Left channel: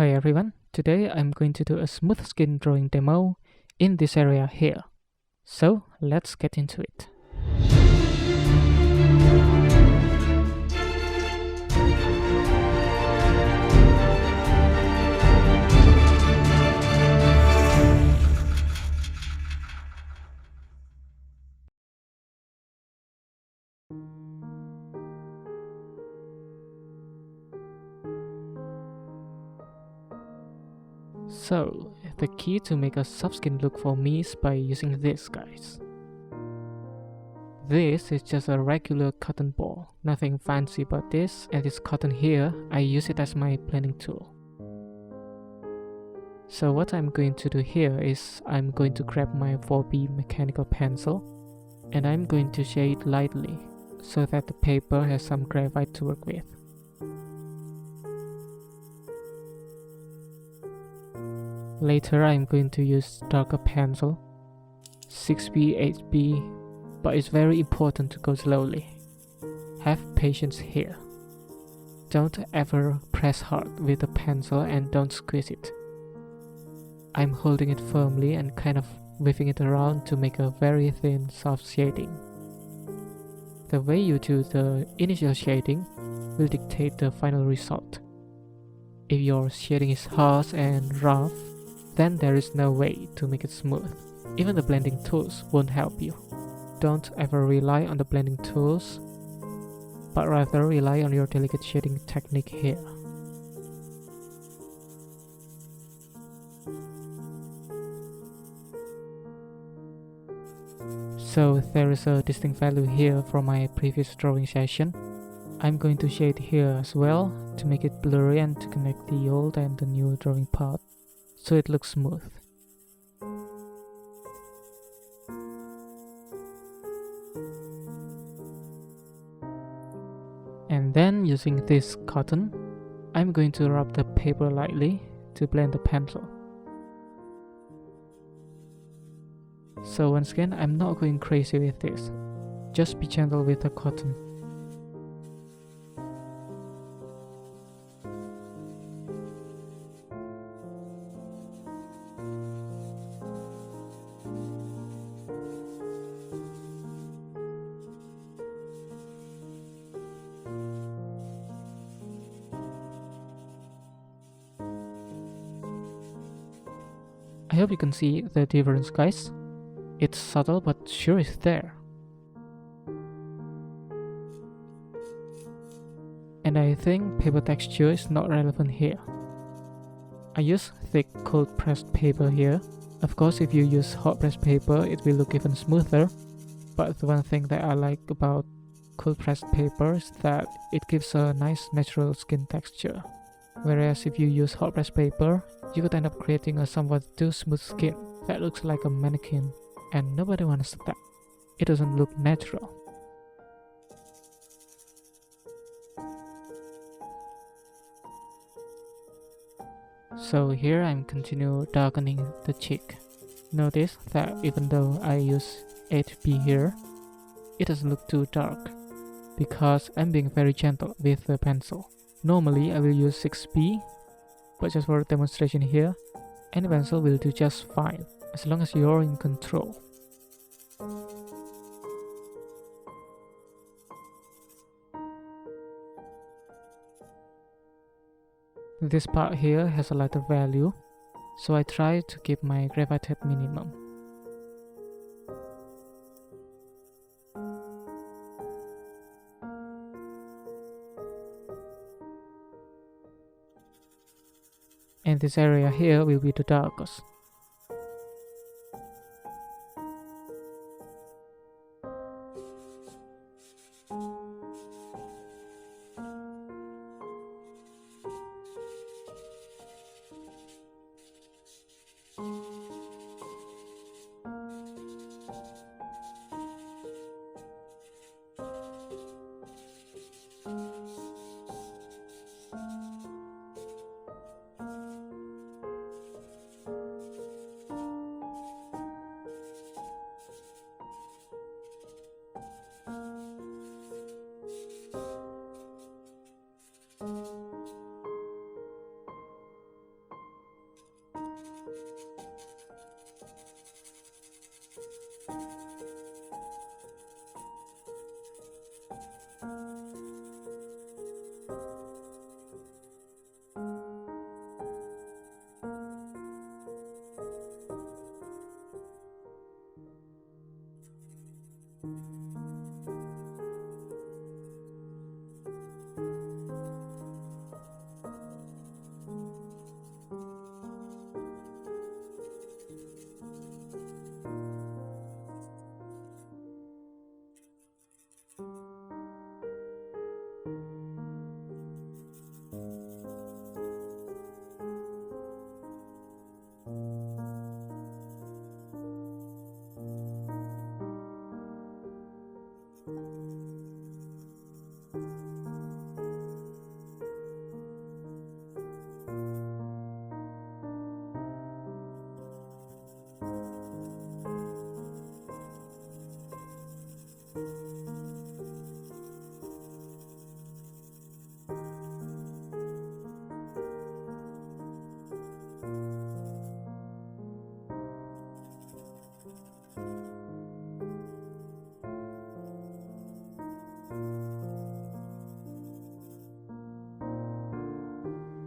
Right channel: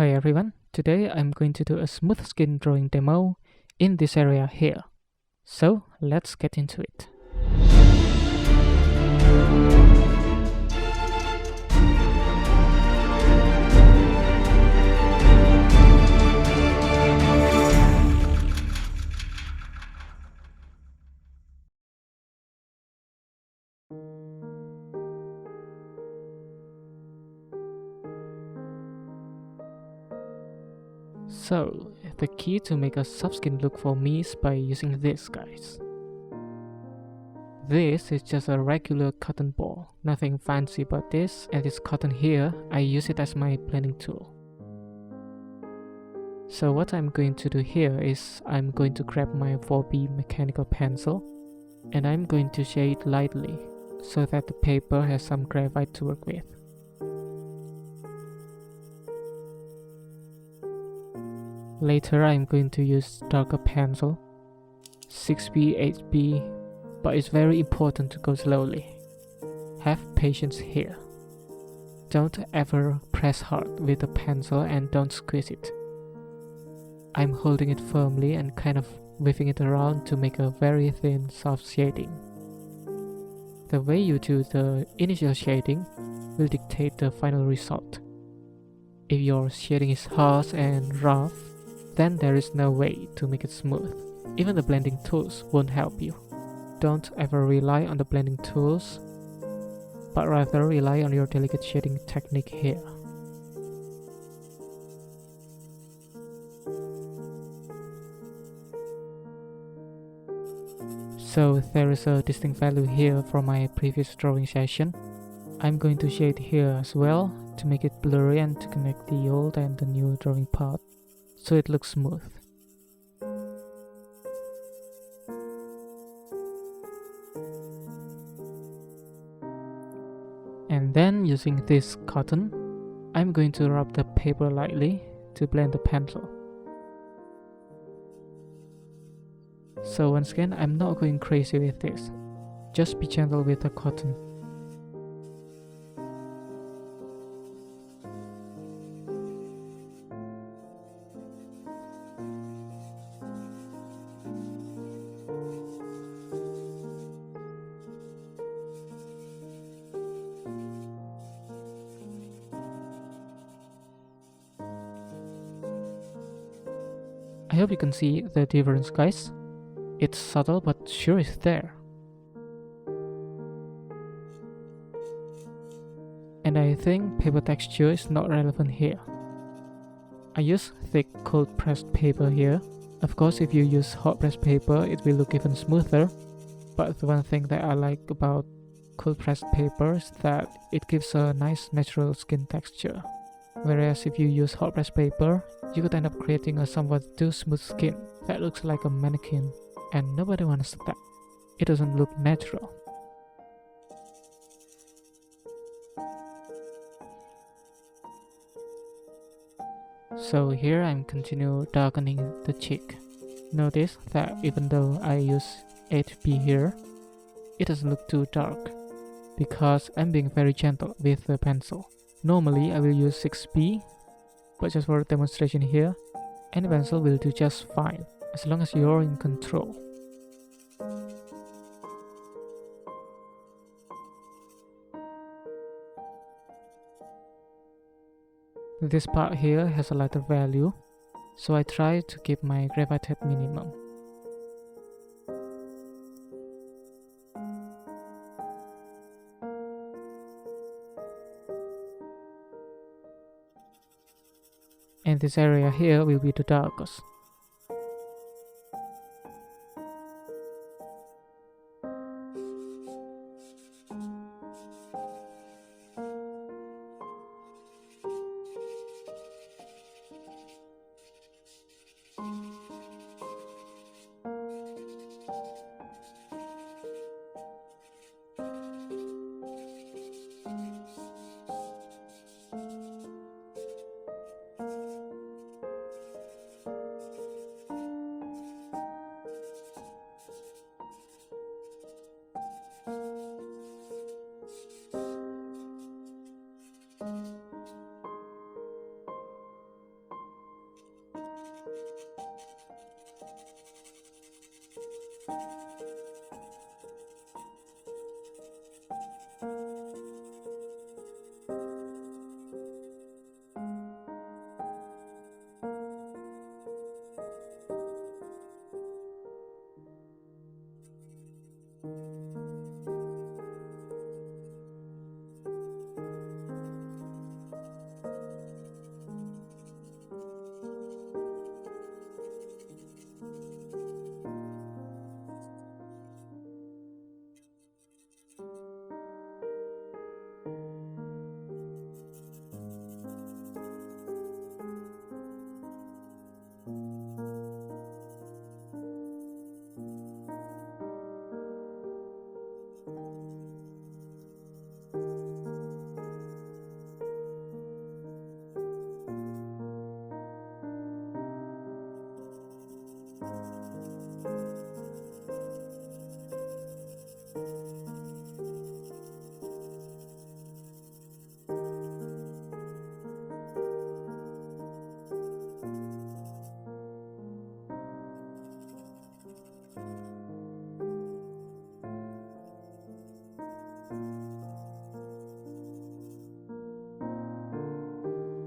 Hi everyone, today I'm going to do a smooth skin drawing demo in this area here. So let's get into it. So the key to make a soft skin look for me is by using this, guys. This is just a regular cotton ball, nothing fancy about this, and this cotton here, I use it as my blending tool. So what I'm going to do here is I'm going to grab my 4B mechanical pencil and I'm going to shade lightly so that the paper has some graphite to work with. Later I'm going to use darker pencil, 6B, 8B, but it's very important to go slowly. Have patience here. Don't ever press hard with the pencil and don't squeeze it. I'm holding it firmly and kind of whipping it around to make a very thin soft shading. The way you do the initial shading will dictate the final result. If your shading is harsh and rough, then there is no way to make it smooth. Even the blending tools won't help you. Don't ever rely on the blending tools, but rather rely on your delicate shading technique here. So there is a distinct value here from my previous drawing session. I'm going to shade here as well to make it blurry and to connect the old and the new drawing part so it looks smooth. And then using this cotton, I'm going to rub the paper lightly to blend the pencil. So once again, I'm not going crazy with this. Just be gentle with the cotton. I hope you can see the difference, guys. It's subtle but sure is there. And I think paper texture is not relevant here. I use thick cold pressed paper here. Of course, if you use hot pressed paper, it will look even smoother. But the one thing that I like about cold pressed paper is that it gives a nice natural skin texture. Whereas if you use hot pressed paper, you could end up creating a somewhat too smooth skin that looks like a mannequin, and nobody wants that. It doesn't look natural. So here I'm continue darkening the cheek. Notice that even though I use 8B here, it doesn't look too dark because I'm being very gentle with the pencil. Normally I will use 6B, but just for demonstration here, any pencil will do just fine as long as you're in control. This part here has a lighter value, so I try to keep my graphite at minimum. And this area here will be the darkest.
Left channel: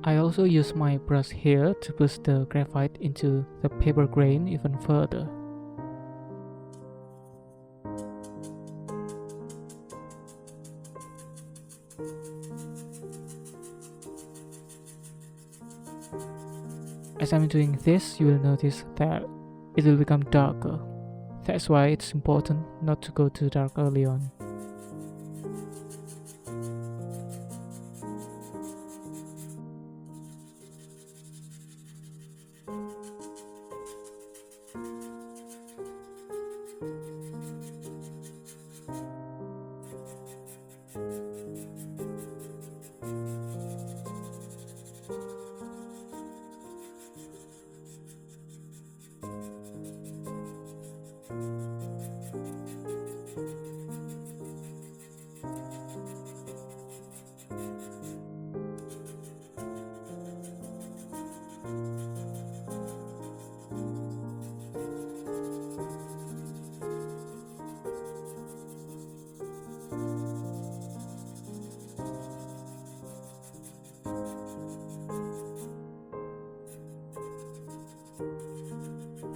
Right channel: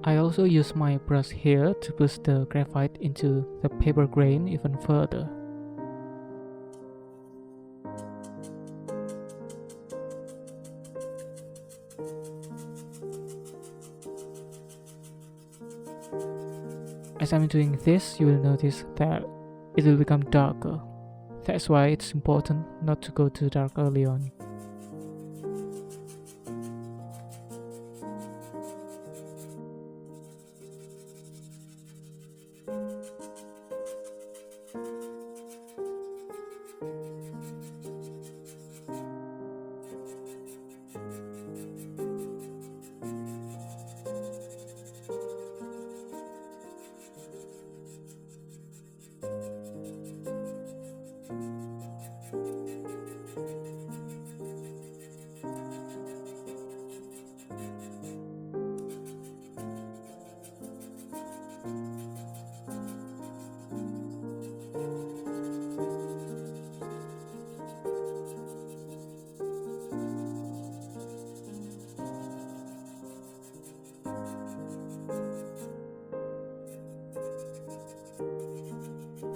I also use my brush here to push the graphite into the paper grain even further. As I'm doing this, you will notice that it will become darker. That's why it's important not to go too dark early on.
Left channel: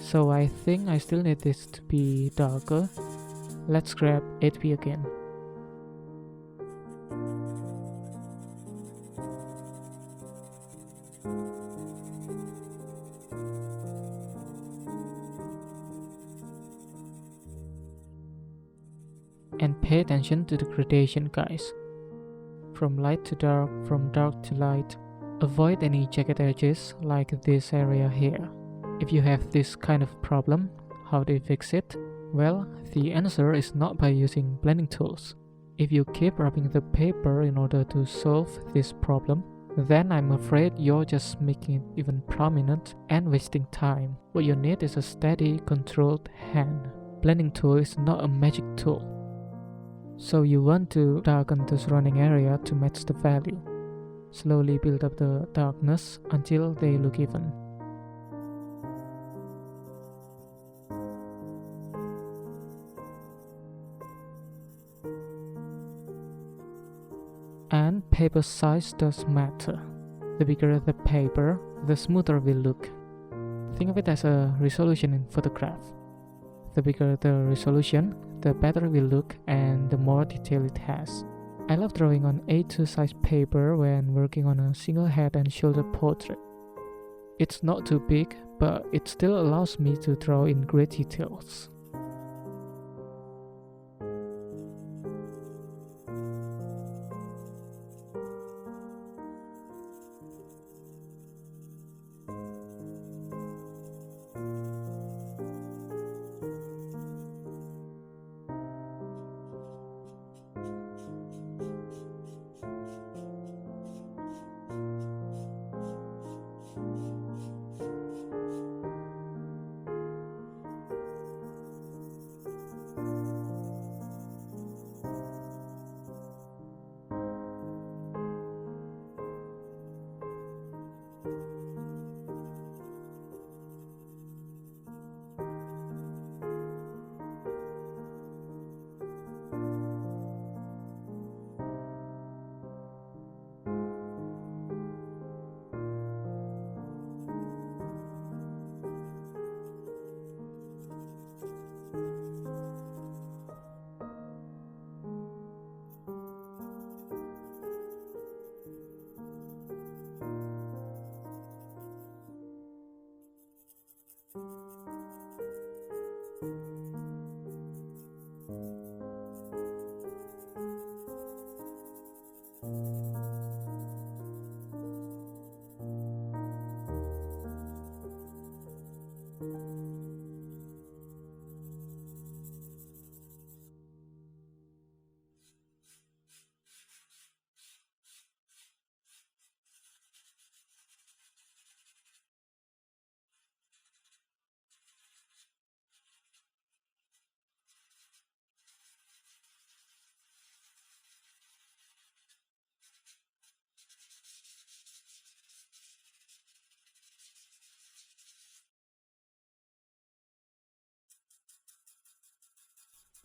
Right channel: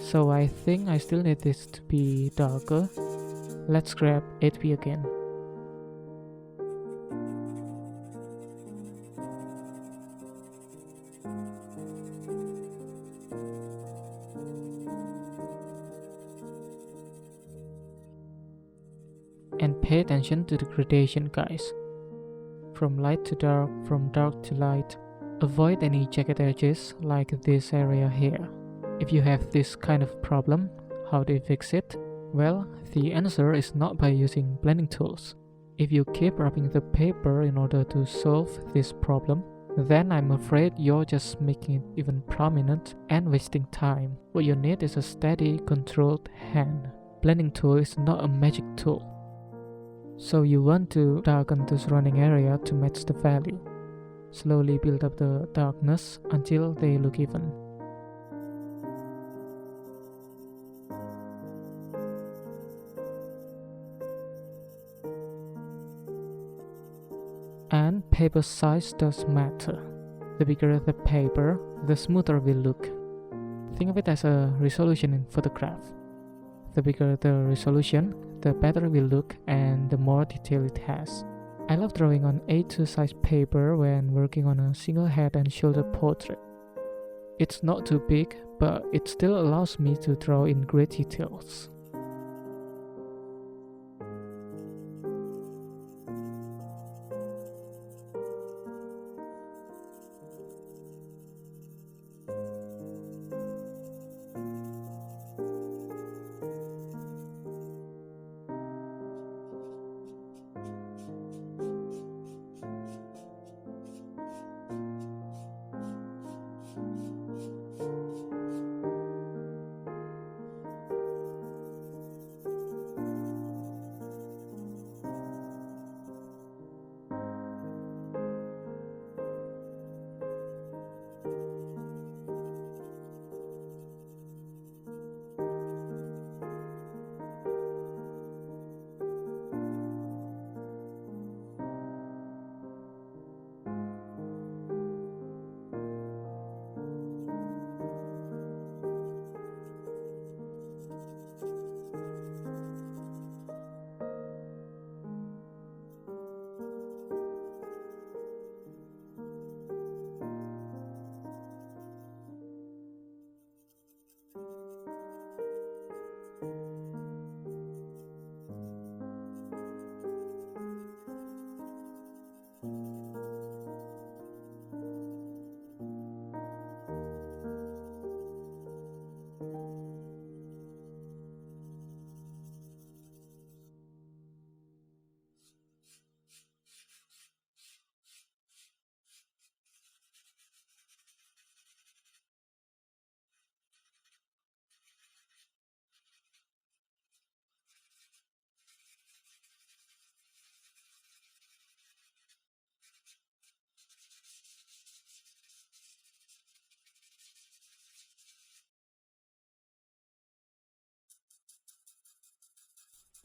So I think I still need this to be darker. Let's grab 8B again. And pay attention to the gradation, guys. From light to dark, from dark to light. Avoid any jagged edges like this area here. If you have this kind of problem, how do you fix it? Well, the answer is not by using blending tools. If you keep rubbing the paper in order to solve this problem, then I'm afraid you're just making it even prominent and wasting time. What you need is a steady, controlled hand. Blending tool is not a magic tool. So you want to darken the surrounding area to match the value. Slowly build up the darkness until they look even. And paper size does matter. The bigger the paper, the smoother it will look. Think of it as a resolution in photograph. The bigger the resolution, the better it will look and the more detail it has. I love drawing on A2 size paper when working on a single head and shoulder portrait. It's not too big, but it still allows me to draw in great details.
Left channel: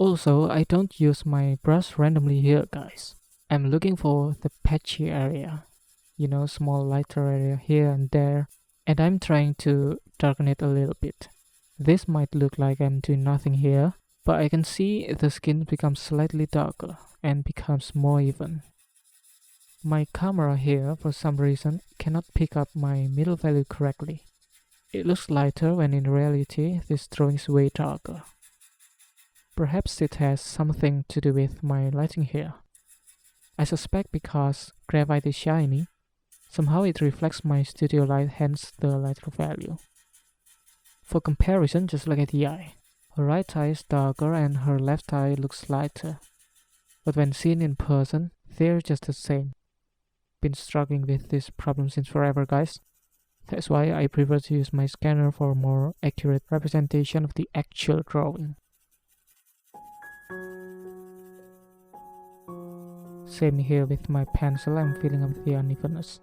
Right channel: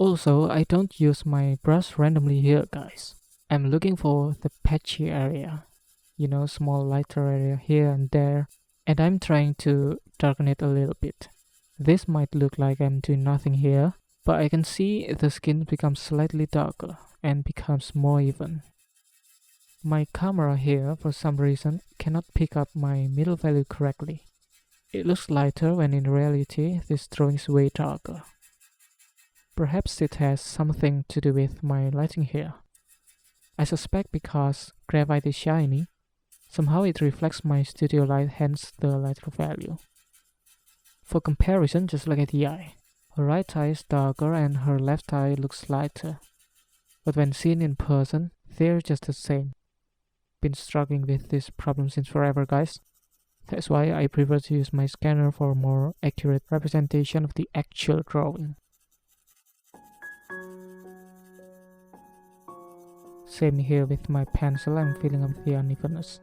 Also, I don't use my brush randomly here, guys. I'm looking for the patchy area, small lighter area here and there, and I'm trying to darken it a little bit. This might look like I'm doing nothing here, but I can see the skin becomes slightly darker and becomes more even. My camera here, for some reason, cannot pick up my middle value correctly. It looks lighter when in reality this drawing is way darker. Perhaps it has something to do with my lighting here. I suspect because graphite is shiny, somehow it reflects my studio light, hence the lighter value. For comparison, just look at the eye. Her right eye is darker and her left eye looks lighter. But when seen in person, they're just the same. Been struggling with this problem since forever, guys. That's why I prefer to use my scanner for more accurate representation of the actual drawing. Same here with my pencil, I'm filling up the unevenness.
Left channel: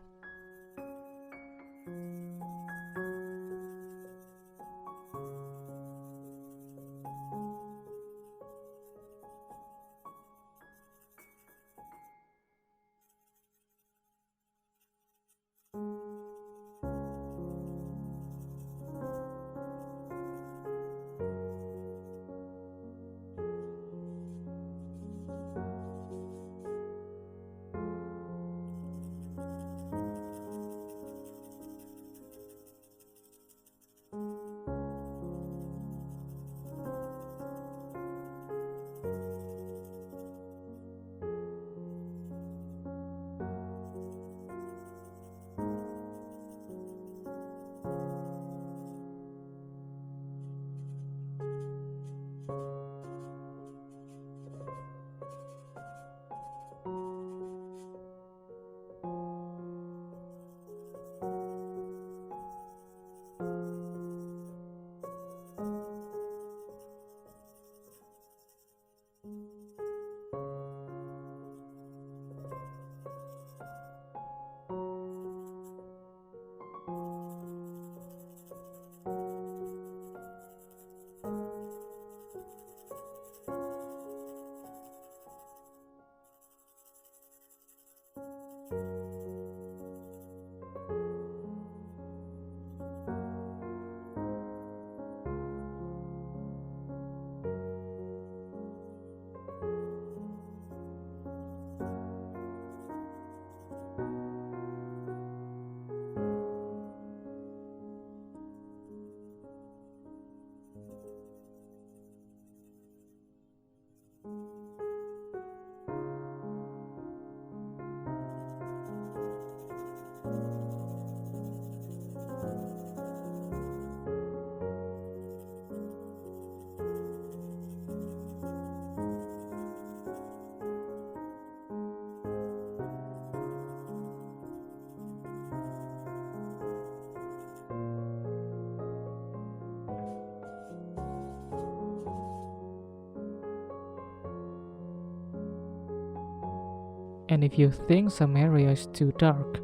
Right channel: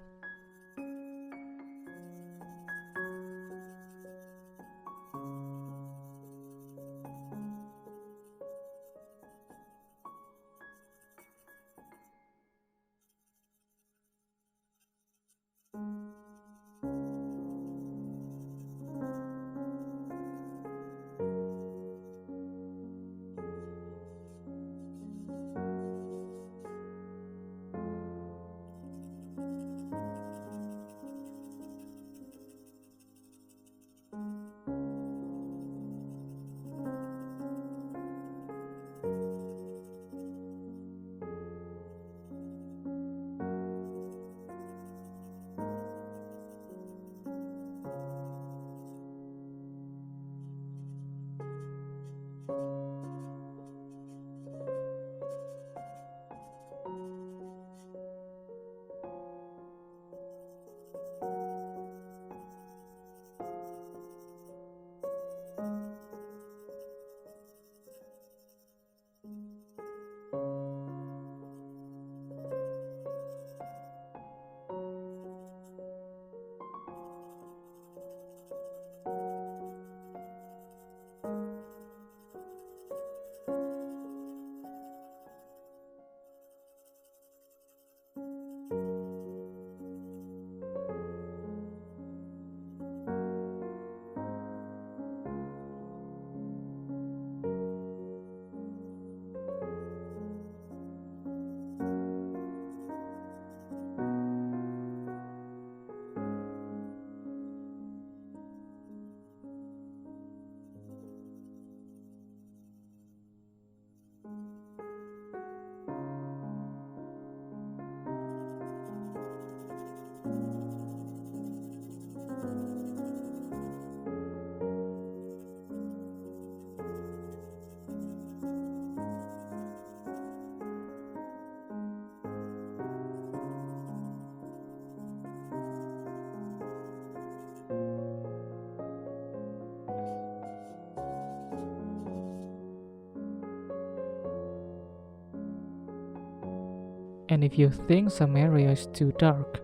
And if you think some area is too dark,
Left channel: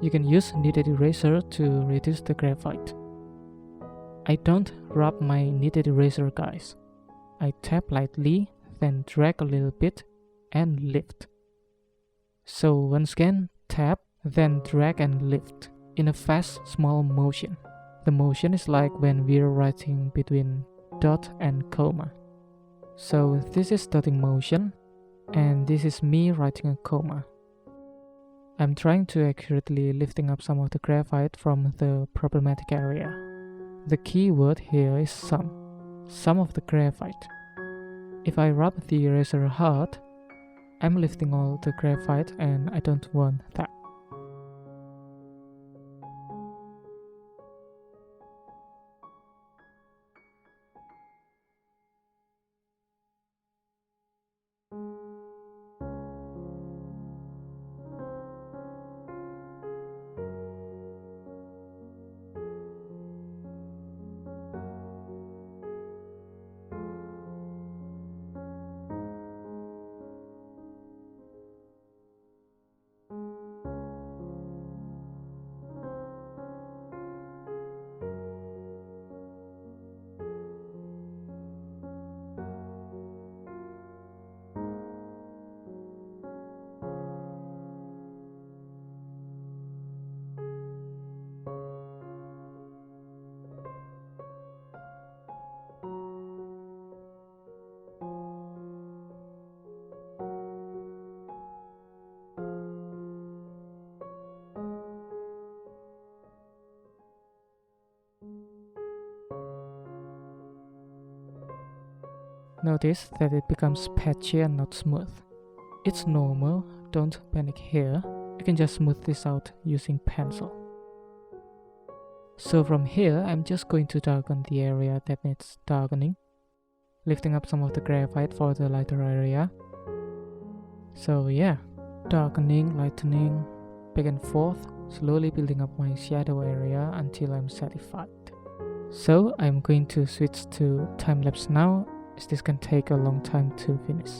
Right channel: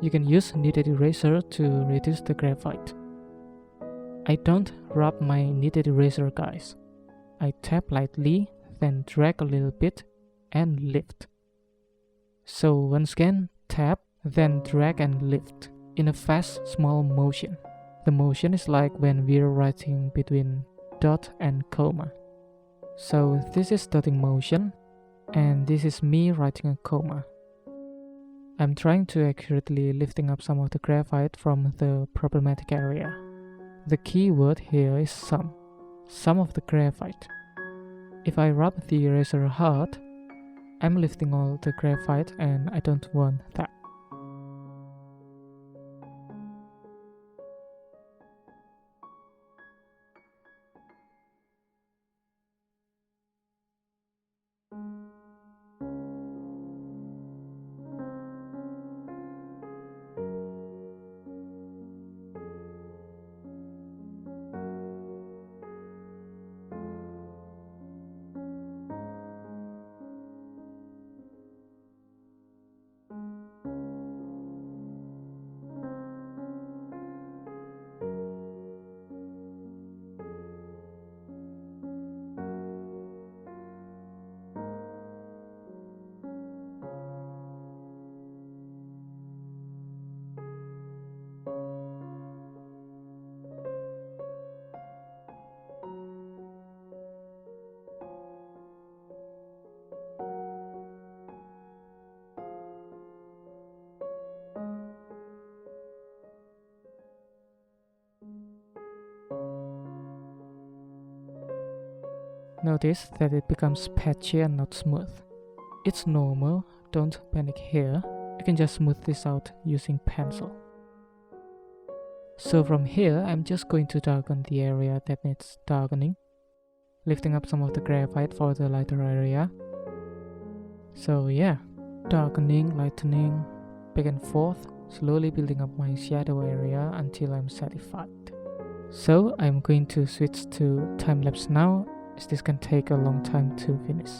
you can use kneaded eraser to reduce the graphite. I don't rub my kneaded eraser, guys. I tap lightly, then drag a little bit and lift. So once again, tap, then drag and lift in a fast, small motion. The motion is like when we're writing between dot and comma. So this is dotting motion, and this is me writing a comma. I'm trying to accurately lifting up some of the graphite from the problematic area. The key word here is some of the graphite. If I rub the eraser hard, I'm lifting all the graphite and I don't want that. Notice that it becomes patchy and not smooth. It's normal, don't panic here. You can just smooth this out using pencil. So from here, I'm just going to darken the area that needs darkening, lifting up some of the graphite for the lighter area. So yeah, darkening, lightening, back and forth, slowly building up my shadow area until I'm satisfied. So I'm going to switch to time-lapse now, as this can take a long time to finish.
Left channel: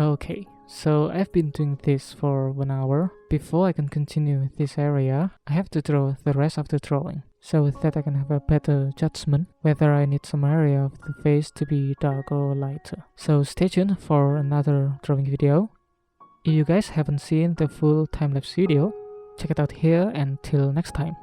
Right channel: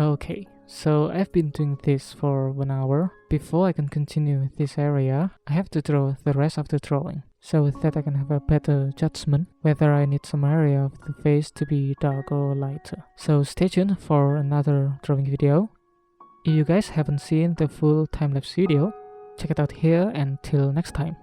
Okay, so I've been doing this for 1 hour. Before I can continue with this area, I have to draw the rest of the drawing, so that I can have a better judgment whether I need some area of the face to be darker or lighter. So stay tuned for another drawing video. If you guys haven't seen the full time-lapse video, check it out here, and till next time.